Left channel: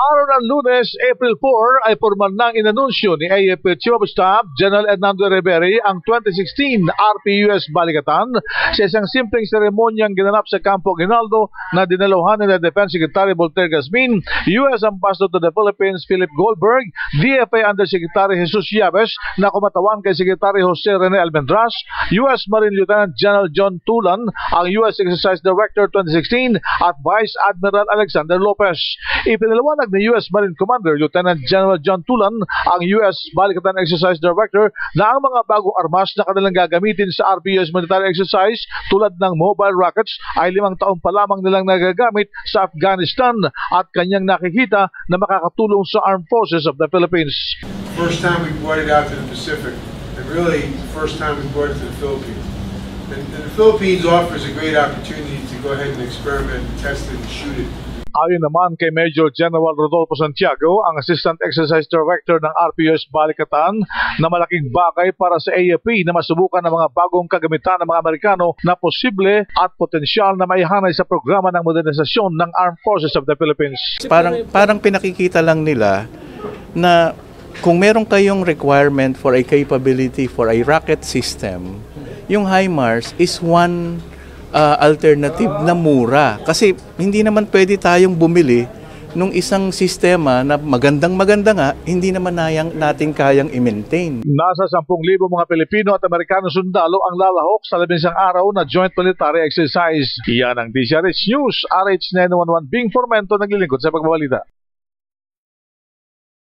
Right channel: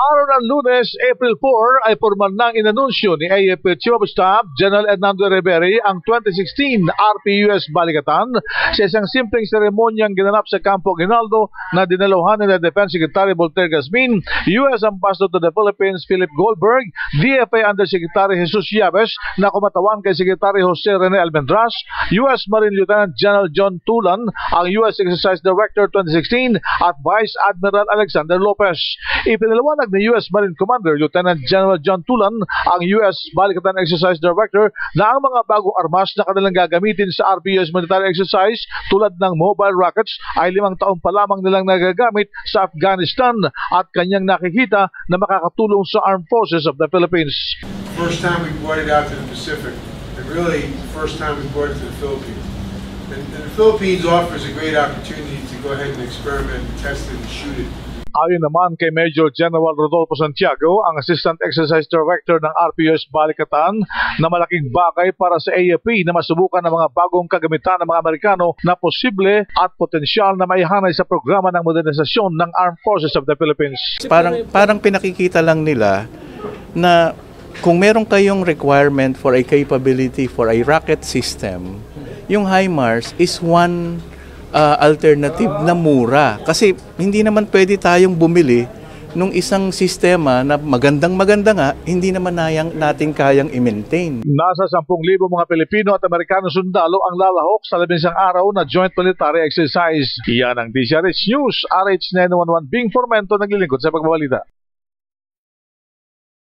Araw ng Lunes, April 4, ay formal nang inanunsyo ni AFP Chief of Staff General Hernando Rivera ang 2016 RPUS Balikatan sa isang simpleng seremonyang ginanap sa Campo Aguinaldo na dinaluhan ni Defense Secretary Voltaire Gasmin, U.S. Ambassador to the Philippines Philip Goldberg, DFA Undersecretary Jesus Yabes na kumatawan kay Secretary Jose Rene Almendras, U.S. Marine Lieutenant General John Tulan, ang U.S. Exercise Director 2016 at Vice Admiral Alexander Lopez. Ipinaliwanag ni U.S. Marine Commander Lieutenant General John Tulan, ang U.S. Balikatan Exercise Director, na ang mga bagong armas na kanilang gagamitin sa RPUS military exercise tulad ng mobile rockets ay 5 taon pa lamang nilang nagagamit sa Afghanistan at kanyang nakikita na makakatulong sa Armed Forces of the Philippines. First time we brought it out to the Pacific, and really first time we brought it to the Philippines. And the Philippines offers a great opportunity to go ahead and experiment, test it, and shoot it. Ayon naman kay Major General Rodolfo Santiago, ang Assistant Exercise Director ng RPUS Balikatan, na malaking bagay para sa AFP na masubukan ng mga bagong kagamitan ng mga Amerikano na posible at potensyal na maihanay sa programa ng modernisasyon ng Armed Forces of the Philippines. Parang pinakikita lang nila na kung meron kayong requirement for a capability for a rocket system, yung HIMARS is one alternative na mura. Kasi hindi naman pwede tayong bumili nung isang sistema na magandang-maganda nga, hindi naman natin kayang i-maintain. Nasa 10,000 mga Pilipino at Amerikano sundalo ang lalahok sa 11 araw na joint military exercise. Yan ang DZRH News, RH911 Bing Formento naglilingkod sa pagbabalita.